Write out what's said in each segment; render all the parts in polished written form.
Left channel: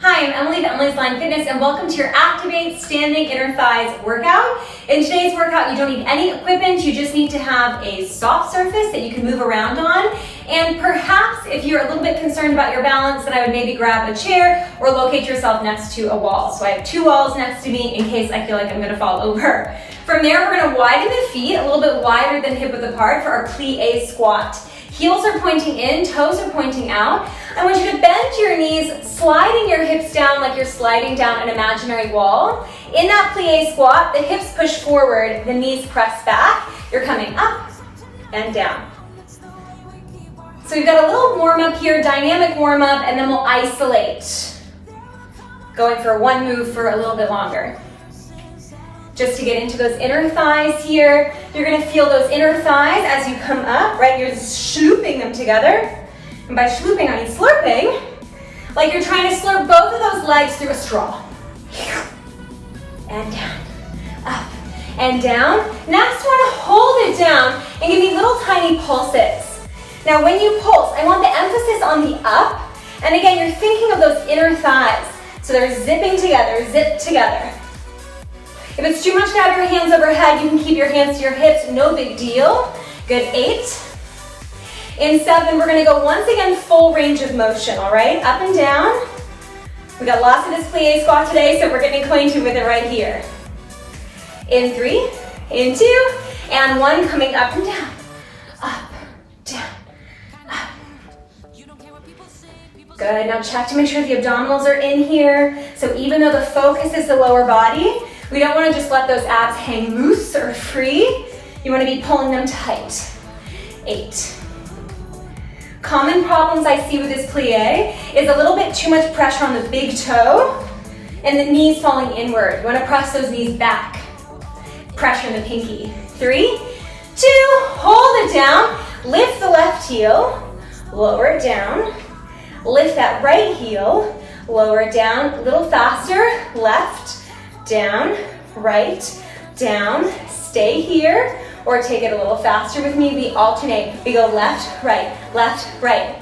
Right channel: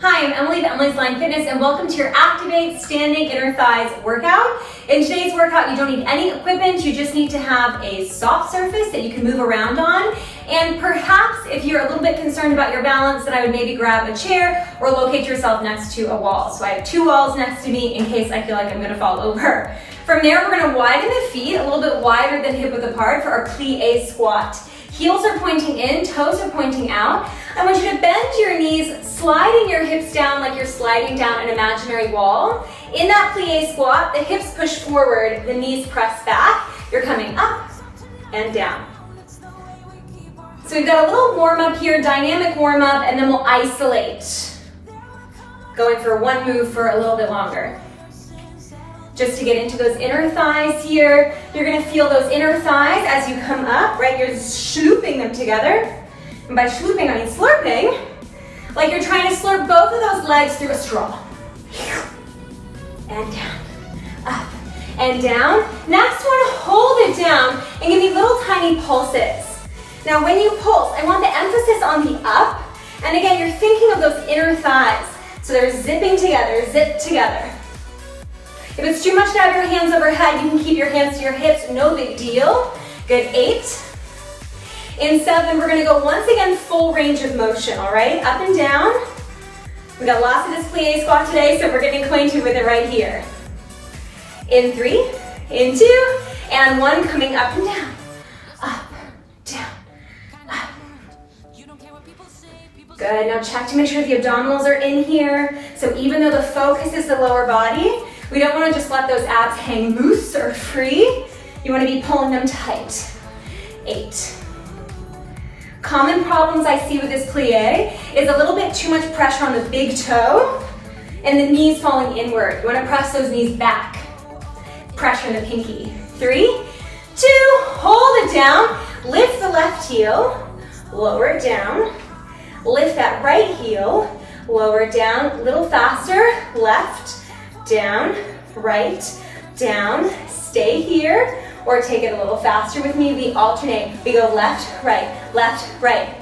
Hi, I'm Emily of Emily's Line Fitness, and welcome to your Activate Standing Inner Thighs workout. In today's workout, you don't need any equipment. You just need to have a soft surface that you can move around on. And perhaps if you're a little bit concerned about your balance, then I would maybe grab a chair or locate yourself next to a wall. So I have two walls next to me in case I feel like I'm gonna fall over. From there, we're gonna widen the feet a little bit wider than hip width apart for our Plié squat. Heels are pointing in, toes are pointing out. I want you to bend your knees, sliding your hips down like you're sliding down an imaginary wall. In that Plié squat, the hips push forward, the knees press back. You're coming up and down. So we've got a little warm up here, dynamic warm up, and then we'll isolate. Going for one move for a little bit longer. Just to get into those inner thighs here. You're gonna feel those inner thighs as you come up, right? You're slooping them together. And by slooping, I mean slurping. Like you're trying to slurp both of those legs through a straw. And down, up, and down. Next one, hold it down and give me little tiny pulses. Now when you pulse, I want the emphasis on the up. And again, you're thinking of those inner thighs. So they're zipping together, zip together. If it's too much to have your hands overhead, you can keep your hands to your hips, no big deal. Good, 8. In 7, we're gonna go once again, full range of motion, all right? Up and down. We got lots of this Plié squat today, so we're getting acquainted with it right here. In 3, in 2, and 1, coming up and down. Up, down, up. Good, now check to make sure the abdominals are in here. So even though the focus is the lower body, we don't want to just let those abs hang loose or free. You want to be pulling them tight. 8. Common problems I see with this Plié is a little bit too much pressure on the big toe and the knees falling inward. You want to press those knees back. Pressure in the pinky. 3, 2, hold it down. Lift the left heel, lower it down. Lift that right heel, lower it down. A little faster, left, down, right, down. Stay here, or take it a little faster with me. We alternate. We go left, right, left, right.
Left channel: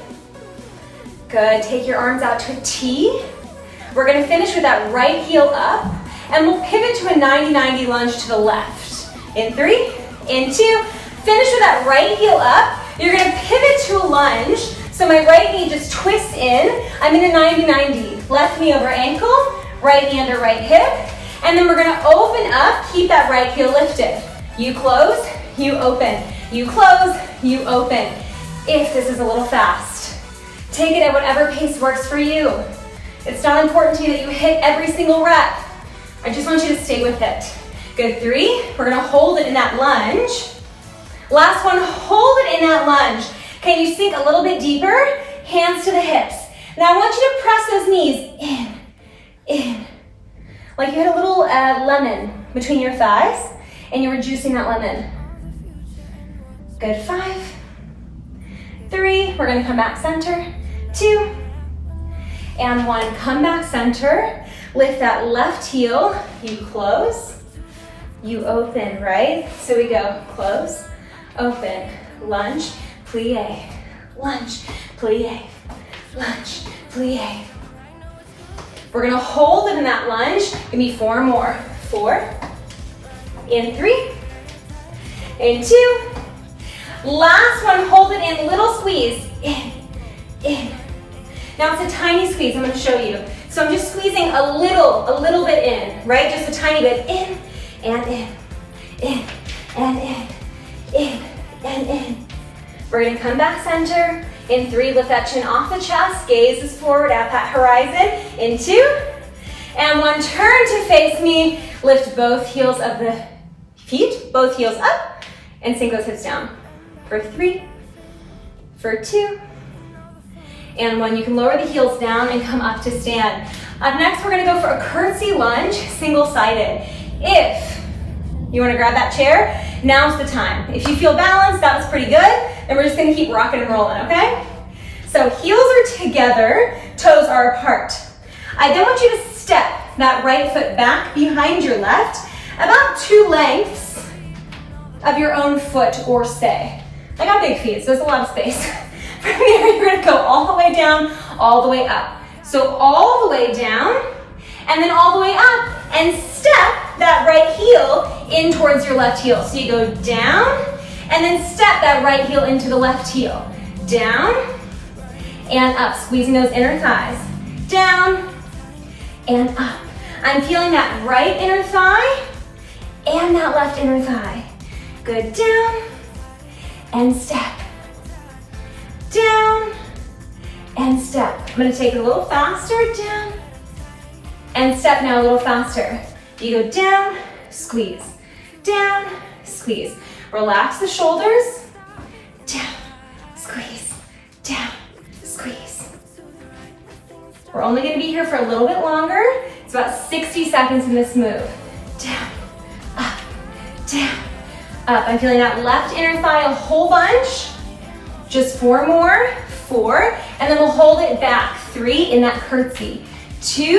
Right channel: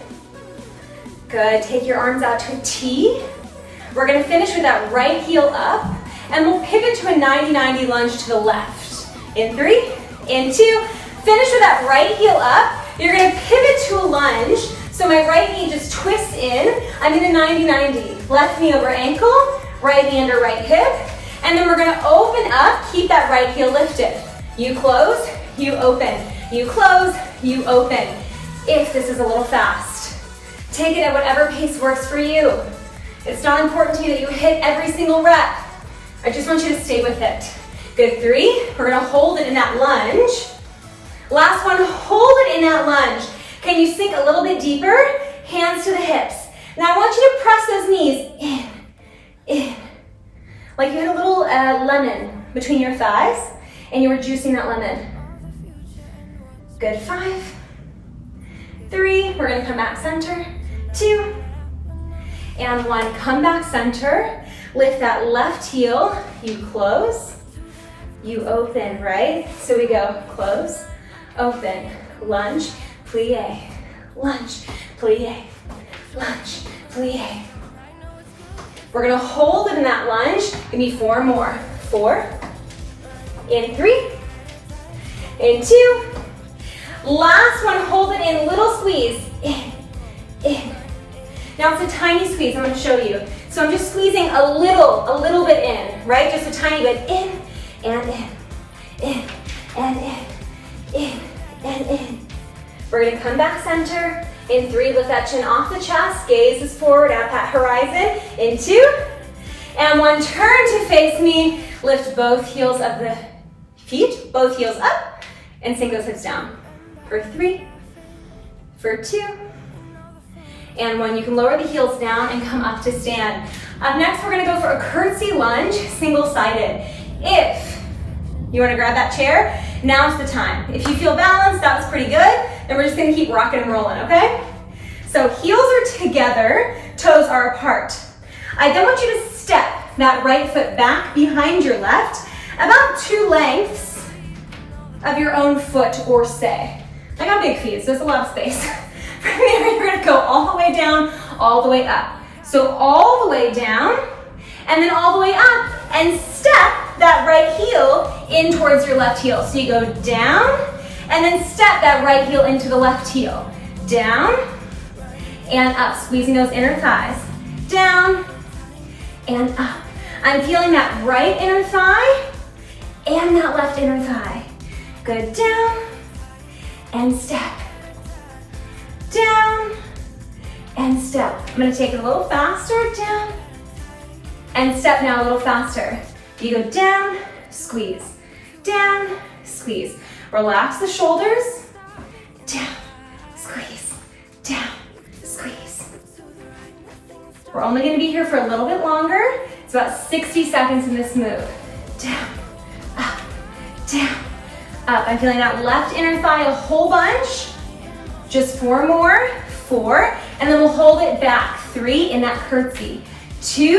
Good, take your arms out to a T. We're gonna finish with that right heel up, and we'll pivot to a 90-90 lunge to the left. In 3, in 2, finish with that right heel up. You're gonna pivot to a lunge, so my right knee just twists in. I'm in a 90-90. Left knee over ankle, right knee under right hip. And then we're gonna open up, keep that right heel lifted. You close, you open. You close, you open. If this is a little fast, take it at whatever pace works for you. It's not important to you that you hit every single rep. I just want you to stay with it. Good, 3, we're gonna hold it in that lunge. Last one, hold it in that lunge. Can you sink a little bit deeper? Hands to the hips. Now I want you to press those knees in. Like you had a little lemon between your thighs and you were juicing that lemon. Good, 5, 3, we're gonna come back center, 2, and 1, come back center. Lift that left heel, you close, you open, right? So we go close, open, lunge, plie, lunge, plie, lunge, plie. We're gonna hold it in that lunge. Give me 4 more. 4, in 3, in 2. Last one, hold it in, little squeeze, in. Now it's a tiny squeeze, I'm gonna show you. So I'm just squeezing a little bit in, right? Just a tiny bit, in, and in, and in. We're gonna come back center. In 3, lift that chin off the chest, gaze is forward at that horizon. In 2, and 1, turn to face me. Lift both heels of the feet, both heels up, and sink those hips down. For 3, for 2, and 1. You can lower the heels down and come up to stand. Up next, we're gonna go for a curtsy lunge, single-sided. If you wanna grab that chair, now's the time. If you feel balanced, that was pretty good, then we're just gonna keep rocking and rolling, okay? So heels are together, toes are apart. I then want you to step that right foot back behind your left, about 2 lengths of your own foot or say. I got big feet, so there's a lot of space. From there, you're gonna go all the way down, all the way up. So all the way down, and then all the way up, and step that right heel in towards your left heel. So you go down, and then step that right heel into the left heel. Down, and up, squeezing those inner thighs. Down, and up. I'm feeling that right inner thigh, and that left inner thigh. Good, down, and step. Down, and step. I'm gonna take it a little faster, down, and step now a little faster. You go down, squeeze, down, squeeze. Relax the shoulders, down, squeeze, down, squeeze. We're only gonna be here for a little bit longer. It's about 60 seconds in this move. Down, up, down, up. I'm feeling that left inner thigh a whole bunch. Just 4 more, 4, and then we'll hold it back. 3 in that curtsy. 2,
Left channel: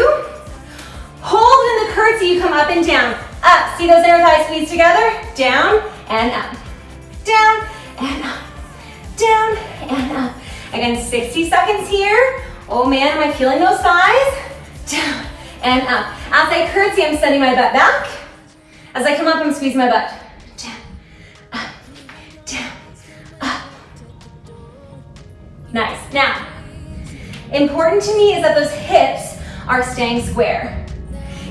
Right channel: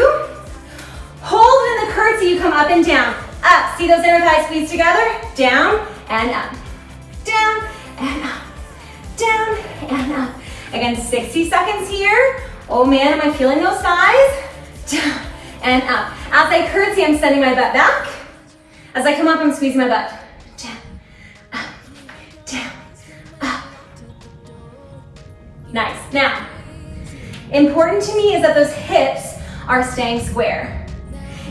hold in the curtsy, you come up and down. Up, see those inner thighs squeeze together? Down and up. Down and up. Down and up. Again, 60 seconds here. Oh man, am I feeling those thighs? Down and up. As I curtsy, I'm sending my butt back. As I come up, I'm squeezing my butt. Down, up, down, up. Nice. Now, important to me is that those hips are staying square.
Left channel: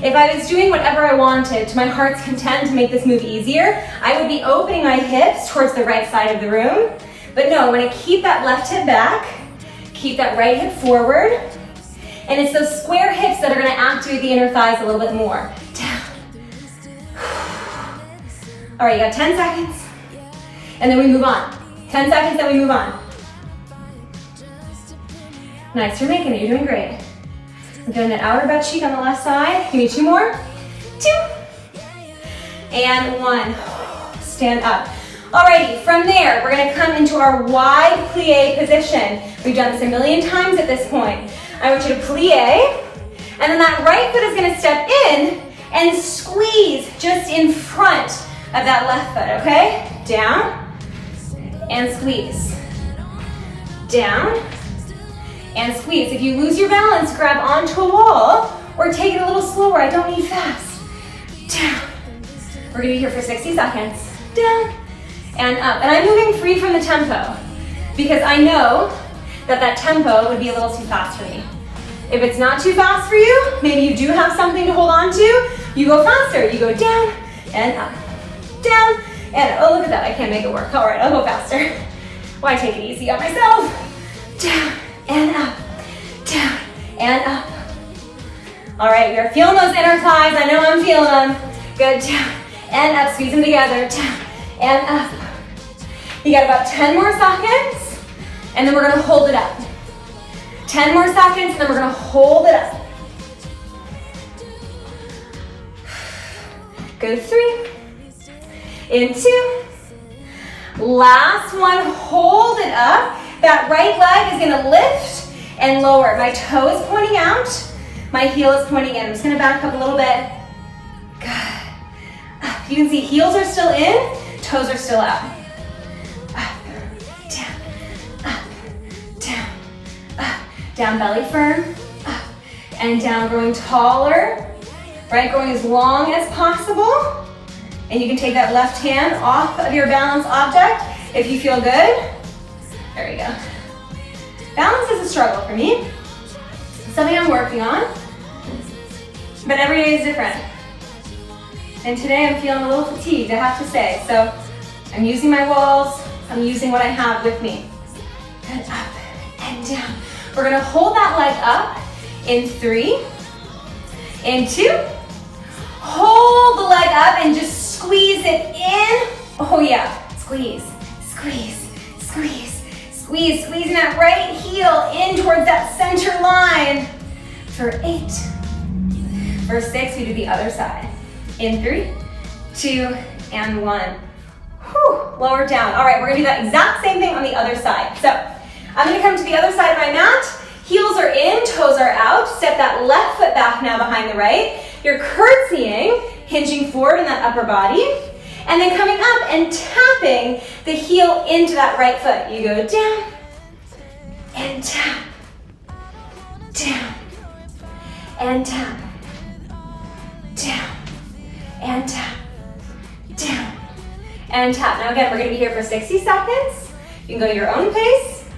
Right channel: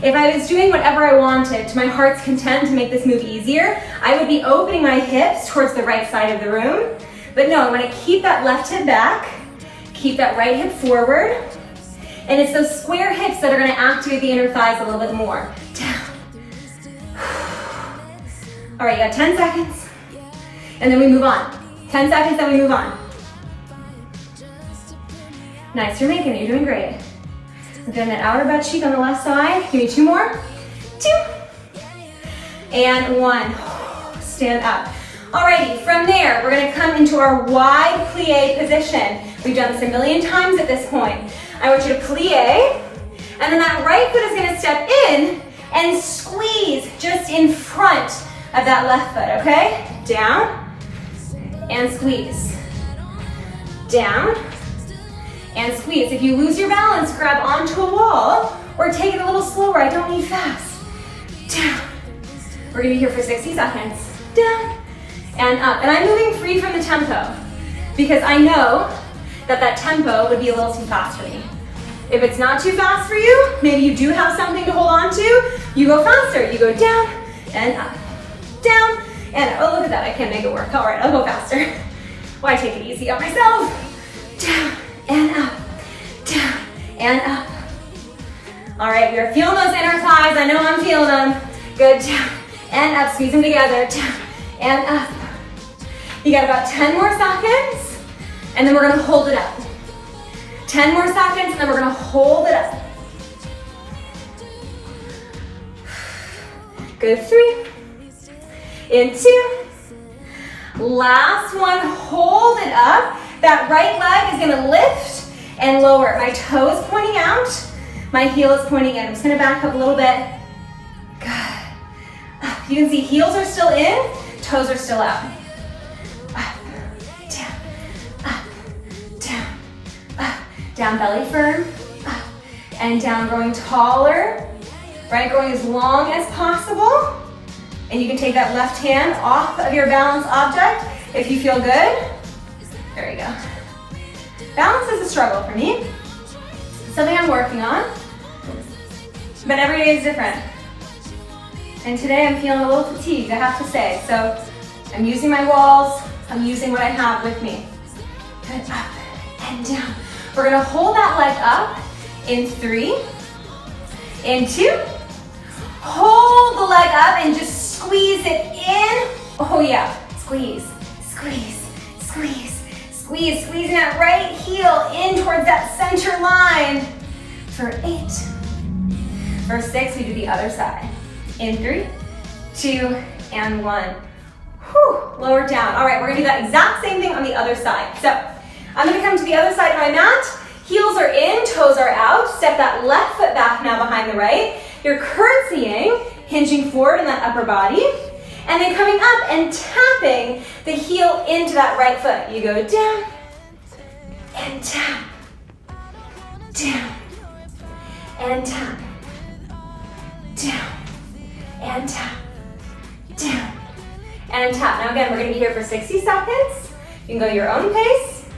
If I was doing whatever I wanted to my heart's content to make this move easier, I would be opening my hips towards the right side of the room. But no, I'm gonna keep that left hip back, keep that right hip forward, and it's those square hips that are gonna activate the inner thighs a little bit more. Down. All right, you got 10 seconds, and then we move on. 10 seconds, then we move on. Nice, you're making it, you're doing great. I'm feeling that outer butt cheek on the left side. Give me 2 more. 2. And 1. Stand up. Alrighty, from there, we're gonna come into our wide plie position. We've done this a million times at this point. I want you to plie, and then that right foot is gonna step in and squeeze just in front of that left foot, okay? Down, and squeeze. Down, and squeeze. If you lose your balance, grab onto a wall or take it a little slower. I don't need fast. Down. We're gonna be here for 60 seconds. Down and up. And I'm moving free from the tempo because I know that that tempo would be a little too fast for me. If it's not too fast for you, maybe you do have something to hold on to, you go faster. You go down and up. Down and up. Oh, look at that. I can't make it work. All right, I'll go faster. Why take it easy on myself? Down and up, down and up. All right, we are feeling those inner thighs. I know I'm feeling them. Good, down and up. Squeeze them together, down and up. You got about 10 more seconds, and then we're gonna hold it up. 10 more seconds, and then we're gonna hold it up. Good, 3, in 2. Last one, hold it up. That right leg is gonna lift and lower. My toe is pointing out, my heel is pointing in. I'm just gonna back up a little bit. Good. Up. You can see heels are still in, toes are still out. Up, down, up, down, up. Down belly firm, up, and down, growing taller, right? Going as long as possible. And you can take that left hand off of your balance object if you feel good. There you go. Balance is a struggle for me. Something I'm working on. But every day is different. And today I'm feeling a little fatigued, I have to say. So I'm using my walls. I'm using what I have with me. Good, up and down. We're gonna hold that leg up in 3, in 2. Hold the leg up and just squeeze it in. Oh yeah, squeeze, squeeze, squeeze. Squeeze, squeezing that right heel in towards that center line. For 8. For 6, we do the other side. In 3, 2, and 1. Whew, lower down. All right, we're gonna do that exact same thing on the other side. So I'm gonna come to the other side of my mat. Heels are in, toes are out. Step that left foot back now behind the right. You're curtsying, hinging forward in that upper body. And then coming up and tapping the heel into that right foot. You go down and tap, down and down, down, and tap, down, and tap. Now again, we're gonna be here for 60 seconds. You can go your own pace.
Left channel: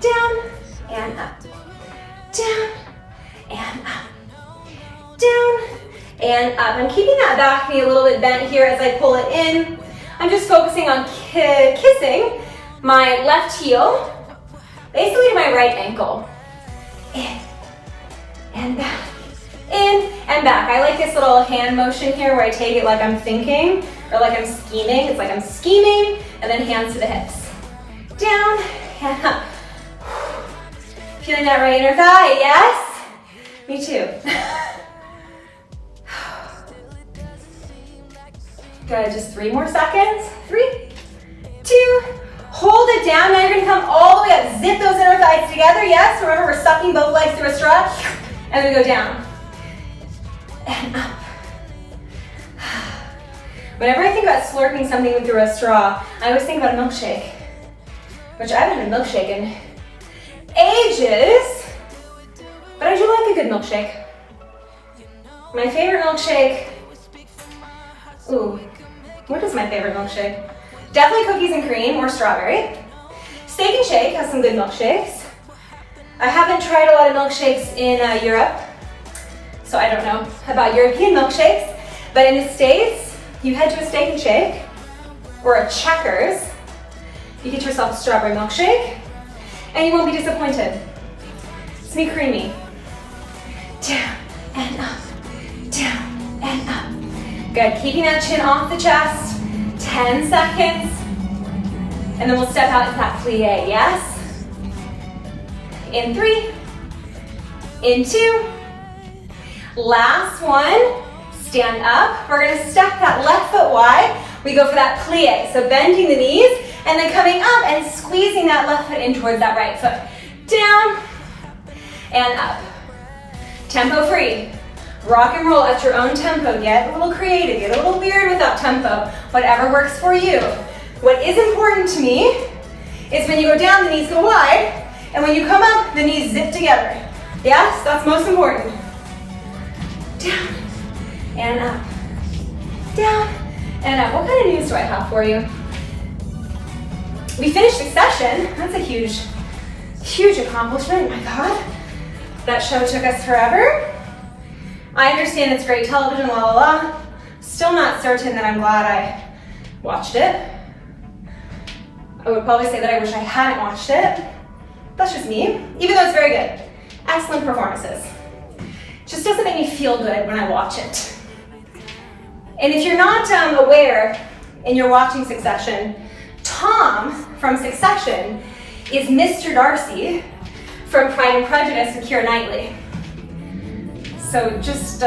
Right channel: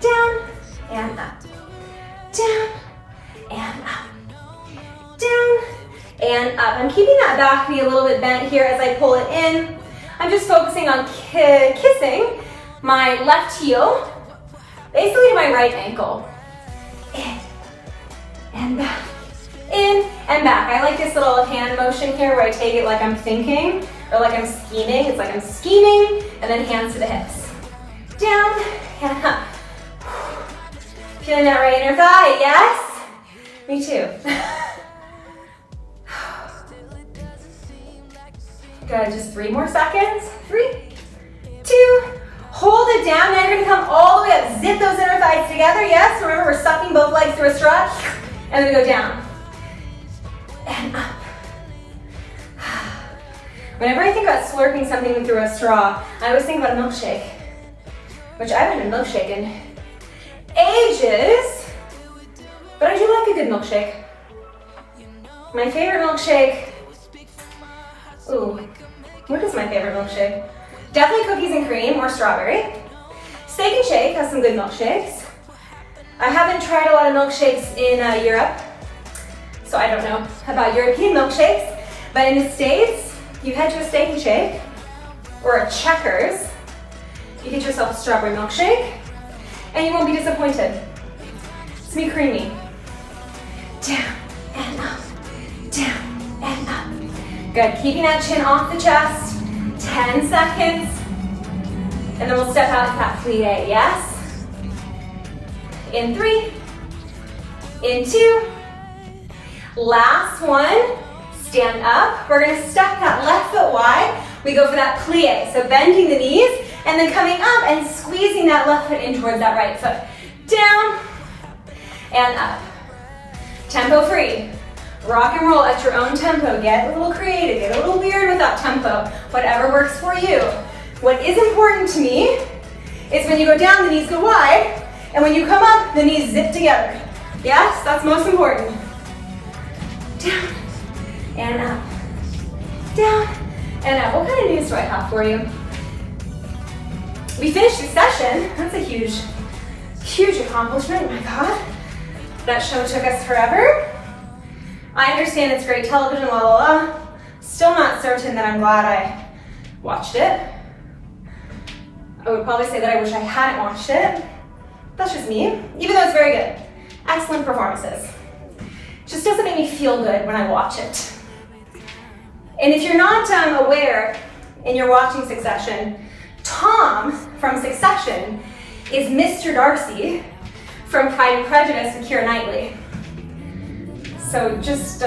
Down and up, down and up, down and up. I'm keeping that back knee a little bit bent here as I pull it in. I'm just focusing on kissing my left heel, basically to my right ankle. In and back, in and back. I like this little hand motion here where I take it like I'm thinking or like I'm scheming. It's like I'm scheming and then hands to the hips. Down and up. Feeling that right inner thigh, yes? Me too. Good, just 3 more seconds. 3, 2, hold it down. Now you're gonna come all the way up. Zip those inner thighs together, yes? Remember, we're sucking both legs through a straw. And then go down. And up. Whenever I think about slurping something through a straw, I always think about a milkshake, which I haven't had a milkshake in ages, but I do like a good milkshake. My favorite milkshake, ooh, what is my favorite milkshake? Definitely cookies and cream or strawberry. Steak and Shake has some good milkshakes. I haven't tried a lot of milkshakes in Europe, so I don't know about European milkshakes, but in the States, you head to a Steak and Shake or a Checkers, you get yourself a strawberry milkshake, and you won't be disappointed. It's me creamy. Down and up, down and up. Good, keeping that chin off the chest. 10 seconds. And then we'll step out into that plie, yes? In 3, in 2. Last one, stand up. We're gonna step that left foot wide. We go for that plie, so bending the knees, and then coming up and squeezing that left foot in towards that right foot. Down and up. Tempo free. Rock and roll at your own tempo. Get a little creative, get a little weird with that tempo. Whatever works for you. What is important to me is when you go down, the knees go wide, and when you come up, the knees zip together. Yes, that's most important. Down and up. Down and up. What kind of news do I have for you? We finished Succession. That's a huge, huge accomplishment. My God, that show took us forever. I understand it's great television, la la la. Still not certain that I'm glad I watched it. I would probably say that I wish I hadn't watched it. That's just me, even though it's very good. Excellent performances. Just doesn't make me feel good when I watch it. And if you're not aware and you're watching Succession, Tom from Succession is Mr. Darcy from Pride and Prejudice with Keira Knightley. So just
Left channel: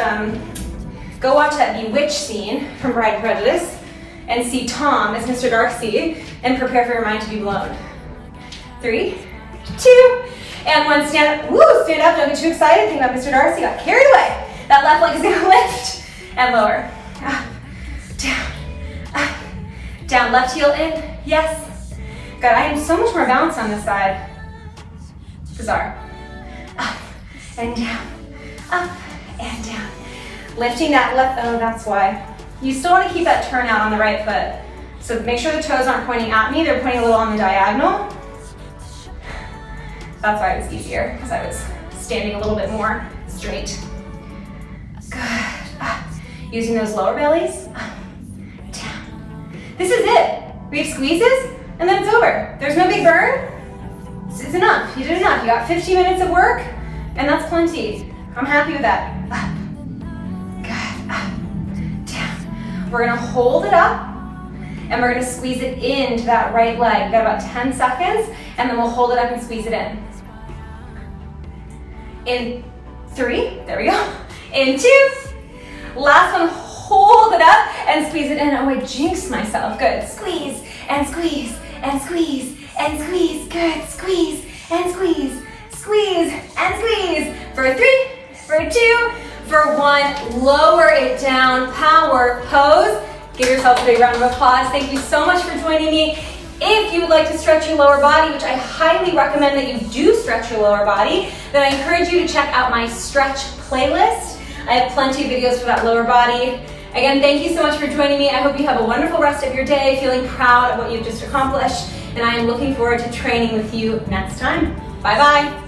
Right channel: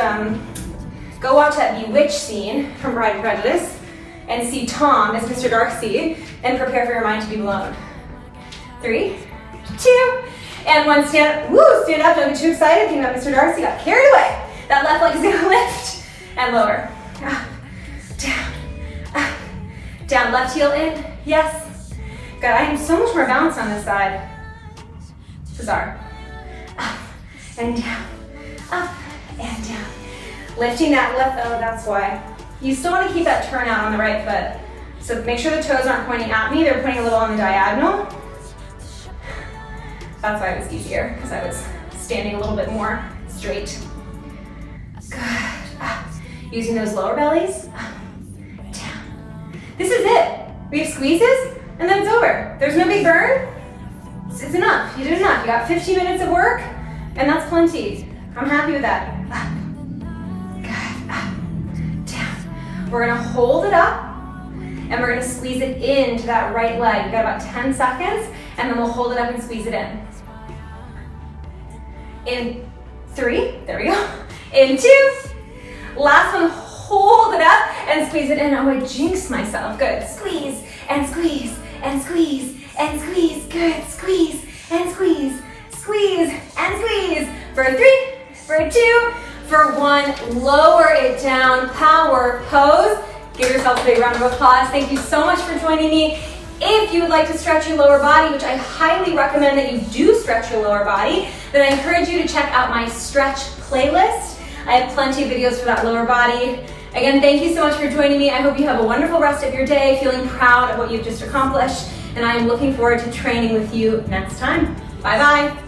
go watch that Bewitched scene from Pride and Prejudice and see Tom as Mr. Darcy and prepare for your mind to be blown. 3, 2, and 1. Stand up. Woo, stand up. Don't get too excited. Think about Mr. Darcy. Got carried away. That left leg is going to lift and lower. Up, down, up, down. Left heel in. Yes. God, I am so much more balanced on this side. Bizarre. Up and down. Up and down. Lifting that left, oh, that's why. You still want to keep that turn out on the right foot. So make sure the toes aren't pointing at me, they're pointing a little on the diagonal. That's why it was easier, because I was standing a little bit more straight. Good. Up. Using those lower bellies. Up, down. This is it. We have squeezes, and then it's over. There's no big burn. It's enough. You did enough. You got 15 minutes of work, and that's plenty. I'm happy with that. Up. Good. Up. Down. We're gonna hold it up, and we're gonna squeeze it into that right leg. We've got about 10 seconds, and then we'll hold it up and squeeze it in. In 3, there we go. In 2, last one, hold it up and squeeze it in. Oh, I jinxed myself. Good. Squeeze and squeeze and squeeze and squeeze. Good. Squeeze and squeeze. Squeeze and squeeze. For 3, for 2, for 1. Lower it down. Power pose. Give yourself a big round of applause. Thank you so much for joining me If you would like to stretch your lower body, which I highly recommend that you do stretch your lower body, then I encourage you to check out my stretch playlist. I have plenty of videos for that lower body. Again, thank you so much for joining me. I hope you have a wonderful rest of your day, feeling proud of what you've just accomplished, and I am looking forward to training with you next time. Bye-bye.